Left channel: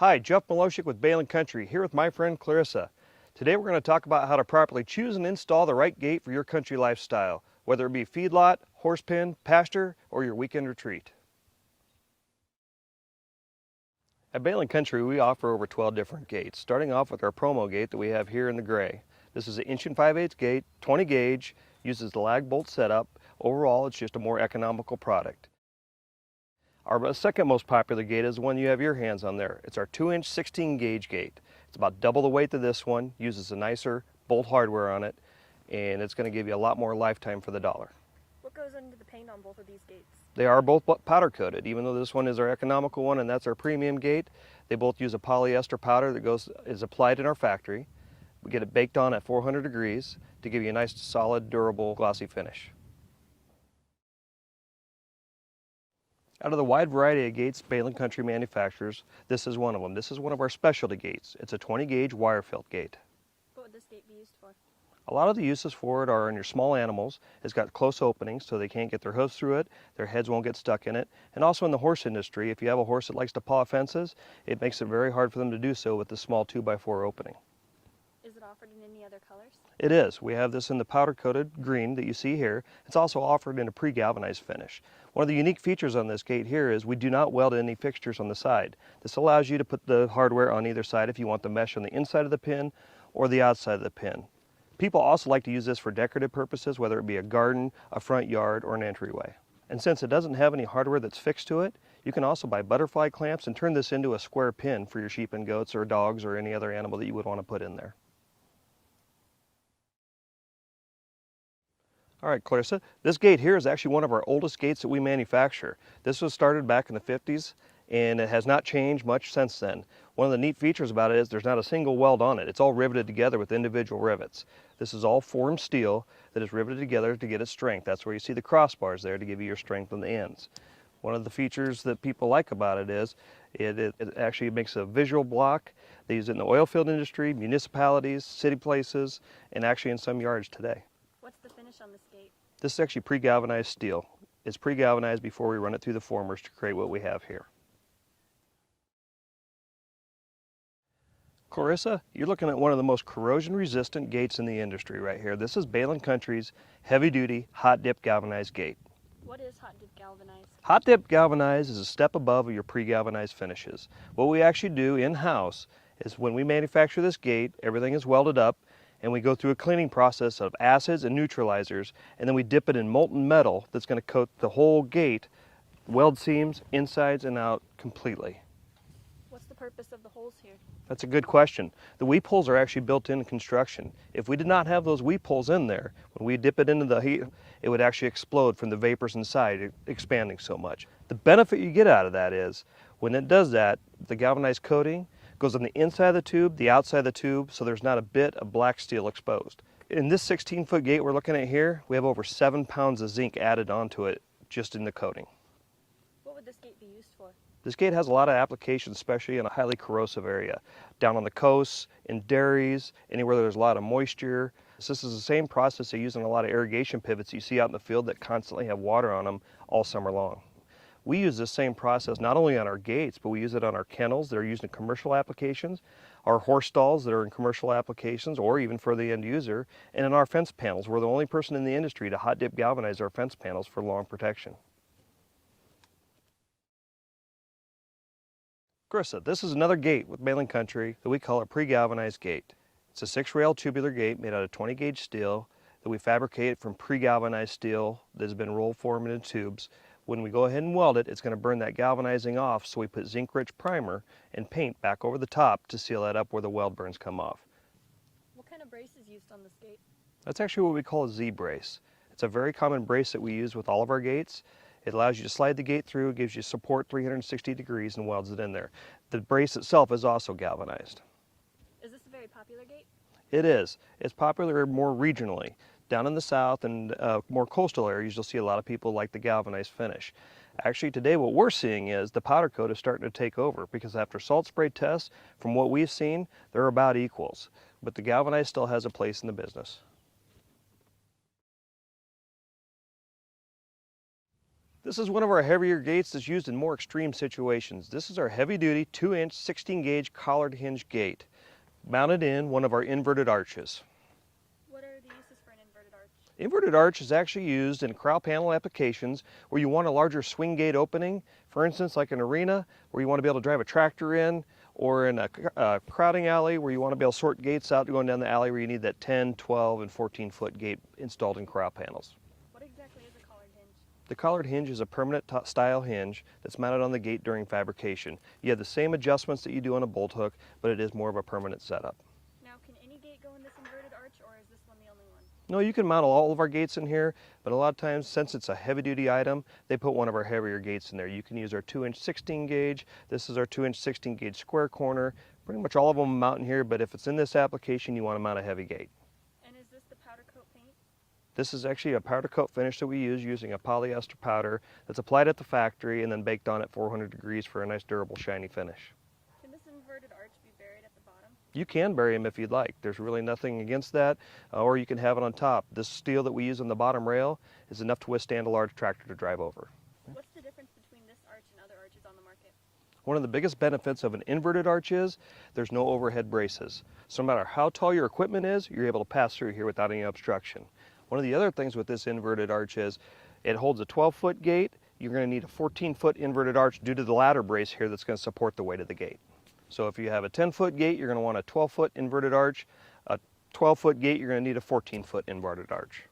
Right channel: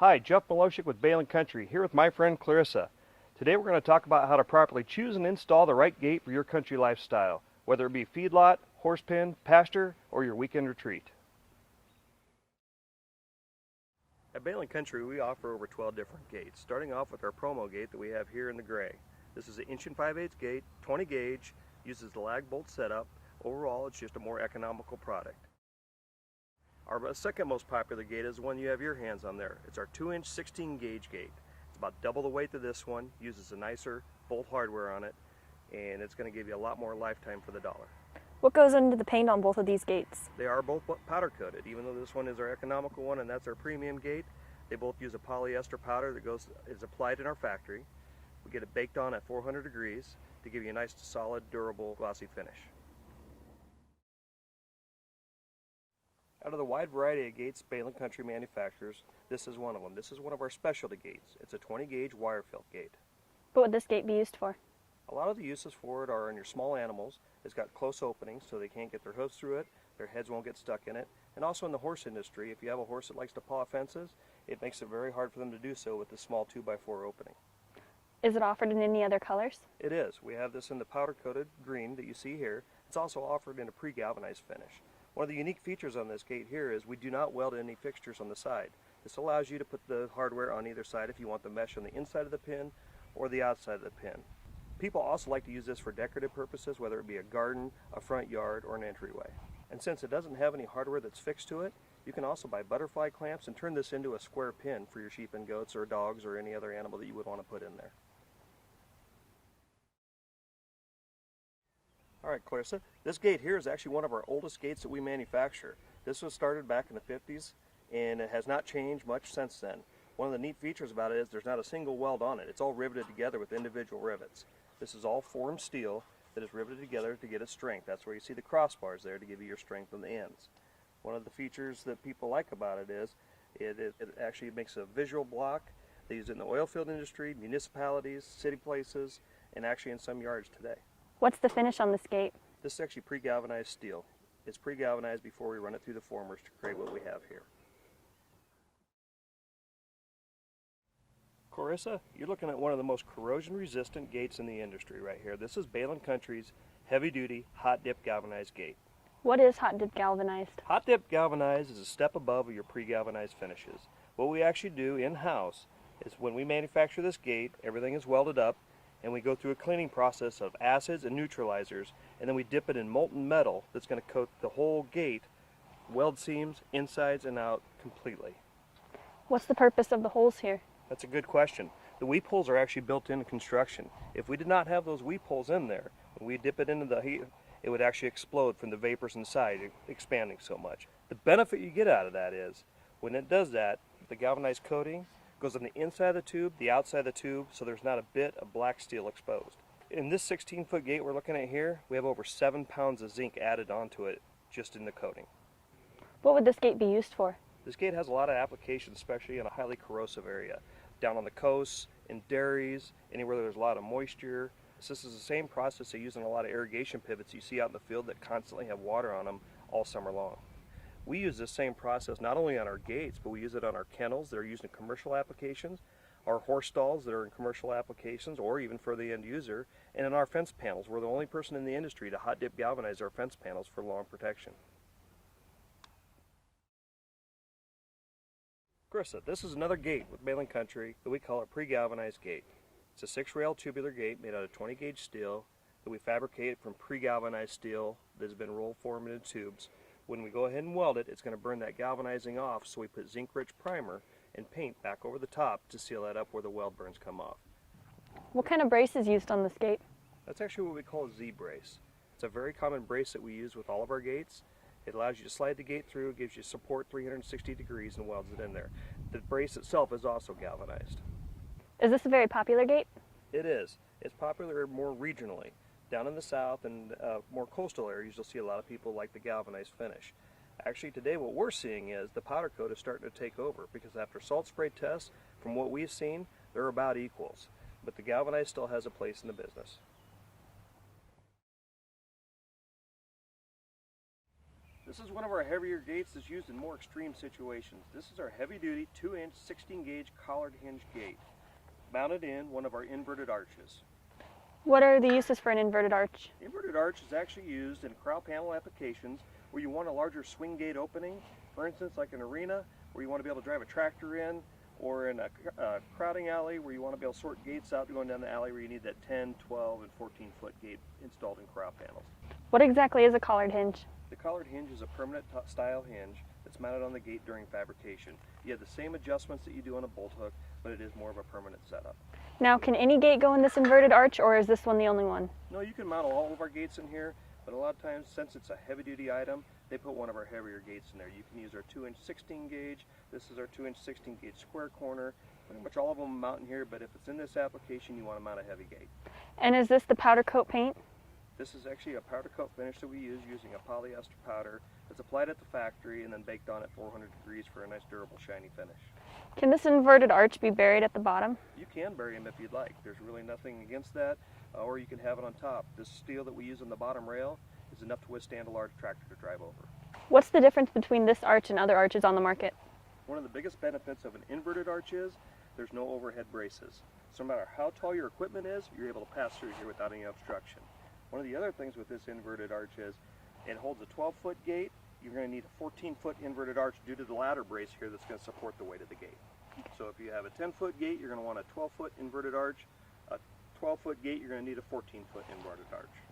Hi, Jeff Milosik with Behlen Country, here with my friend Clarissa. Today we're going to talk about how to properly choose and install the right gate for your country lifestyle, whether it be feedlot, horse pen, pasture, or your weekend retreat. At Behlen Country, we offer over 12 different gates, starting off with our promo gate that we have here in the gray. This is an 1 5/8 gate, 20 gauge, uses the lag bolt setup. Overall, it's just a more economical product. Our second most popular gate is the one you have your hands on there. It's our 2-inch 16 gauge gate. It's about double the weight of this one, uses a nicer bolt hardware on it, and it's going to give you a lot more lifetime for the dollar. What goes into the paint on both of these gates? They are both powder coated, even though this one is our economical one and that's our premium gate. They both use a polyester powder that is applied in our factory. We get it baked on at 400 degrees to give you a nice, solid, durable, glossy finish. Out of the wide variety of gates Behlen Country manufactures, this is one of them. This is one of our specialty gates. It's a 20 gauge wire felt gate. What would this gate be used for? A lot of the uses for it are in your small animals. It's got close openings so they can't get their hooves through it, their heads won't get stuck in it. And also in the horse industry, if you have a horse that likes to paw fences, it makes it very hard for them to do so with the small 2x4 opening. Is it offered in any other colors? It is. We have this in the powder coated green that you see here. It's also offered in a pre-galvanized finish. One of the unique features on this gate here is we do not weld any fixtures on the side. This allows you to put the hardware on either side if you want the mesh on the inside of the pin or the outside of the pin. People also like to use this for decorative purposes, whether it be a garden, a front yard, or an entryway. And since it doesn't have any hardware that's fixed to it, you can also buy butterfly clamps and turn this into a square pin for your sheep and goats or dogs or any other animal that you would want to put in there. All right, Clarissa, this gate here is actually one of our oldest gates that we manufacture. This was started back in the 50s and it has not changed much since then. One of the neat features about it is there's not a single weld on it. It's all riveted together with individual rivets. This is all formed steel that is riveted together to get its strength. That's where you see the crossbars there to give you your strength on the ends. One of the features that people like about it is it actually makes a visual block. They use it in the oil field industry, municipalities, city places, and actually in some yards today. What's the finish on this gate? This is actually pre-galvanized steel. It's pre-galvanized before we run it through the formers to create what we have here. Clarissa, you're looking at one of the most corrosion-resistant gates in the industry right here. This is Behlen Country's heavy-duty hot-dip galvanized gate. What is hot-dip galvanized? Hot-dip galvanized is a step above your pre-galvanized finishes. What we actually do in-house is when we manufacture this gate, everything is welded up, and we go through a cleaning process of acids and neutralizers, and then we dip it in molten metal that's going to coat the whole gate, weld seams, insides and out completely. What's the purpose of the holes here? That's a good question. The weep holes are actually built into construction. If we did not have those weep holes in there, when we dip it into the heat, it would actually explode from the vapors inside, expanding so much. The benefit you get out of that is, when it does that, the galvanized coating goes on the inside of the tube, the outside of the tube, so there's not a bit of black steel exposed. In this 16-foot gate we're looking at here, we have over 7 pounds of zinc added onto it just in the coating. What would this gate be used for? This gate has a lot of applications, especially in a highly corrosive area. Down on the coasts, in dairies, anywhere there's a lot of moisture. This is the same process they use in a lot of irrigation pivots you see out in the field that constantly have water on them all summer long. We use this same process not only on our gates, but we use it on our kennels that are used in commercial applications, our horse stalls that are in commercial applications, or even for the end user, and in our fence panels. We're the only person in the industry to hot dip galvanize our fence panels for long protection. Clarissa, this is another gate with Behlen Country that we call a pre-galvanized gate. It's a 6-rail tubular gate made out of 20 gauge steel that we fabricate from pre-galvanized steel that has been roll formed into tubes. When we go ahead and weld it, it's going to burn that galvanizing off, so we put zinc-rich primer and paint back over the top to seal that up where the weld burns come off. What kind of brace is used on this gate? That's actually what we call a Z-brace. It's a very common brace that we use with all of our gates. It allows you to slide the gate through, gives you support 360 degrees and welds it in there. The brace itself is also galvanized. Is this a very popular gate? It is. It's popular more regionally. Down in the south and more coastal areas, you'll see a lot of people like the galvanized finish. Actually today what we're seeing is the powder coat is starting to take over, because after salt spray tests, from what we've seen, they're about equals. But the galvanized still has a place in the business. This is one of our heavier gates that's used in more extreme situations. This is our heavy-duty 2-inch 16-gauge collared hinge gate, mounted in one of our inverted arches. What are the uses for an inverted arch? Inverted arch is actually used in corral panel applications where you want a larger swing gate opening, for instance like an arena where you want to be able to drive a tractor in, or in a crowding alley where you want to be able to sort gates out going down the alley where you need that 10, 12, and 14-foot gate installed in corral panels. What exactly is a collared hinge? The collared hinge is a permanent style hinge that's mounted on the gate during fabrication. You have the same adjustments that you do on a bolt hook, but it is more of a permanent setup. Now, can any gate go in this inverted arch, or is this one the only one? No, you can mount all of our gates in here, but a lot of times, since it's a heavy-duty item, they put one of our heavier gates in there. You can use our 2-inch 16-gauge. This is our 2-inch 16-gauge square corner. Pretty much all of them mount in here, but if it's in this application, you want to mount a heavy gate. And is this the powder coat paint? This is actually a powder coat finish that we use using a polyester powder that's applied at the factory and then baked on at 400 degrees for a nice durable shiny finish. Can this inverted arch be buried at the bottom? You can bury them if you'd like. There's really nothing against that, or you can have it on top. This steel that we use on the bottom rail is enough to withstand a large tractor to drive over. What's the difference between this arch and other arches on the market? One of the biggest benefits of an inverted arch is there's no overhead braces. So no matter how tall your equipment is, you're able to pass through here without any obstruction. One of the other things with this inverted arch is it holds a 12-foot gate. You're going to need a 14-foot inverted arch due to the ladder brace here that's going to support the weight of the gate. So if you have a 10-foot gate, you're going to want a 12-foot inverted arch. A 12-foot gate, you're going to need a 14-foot inverted arch.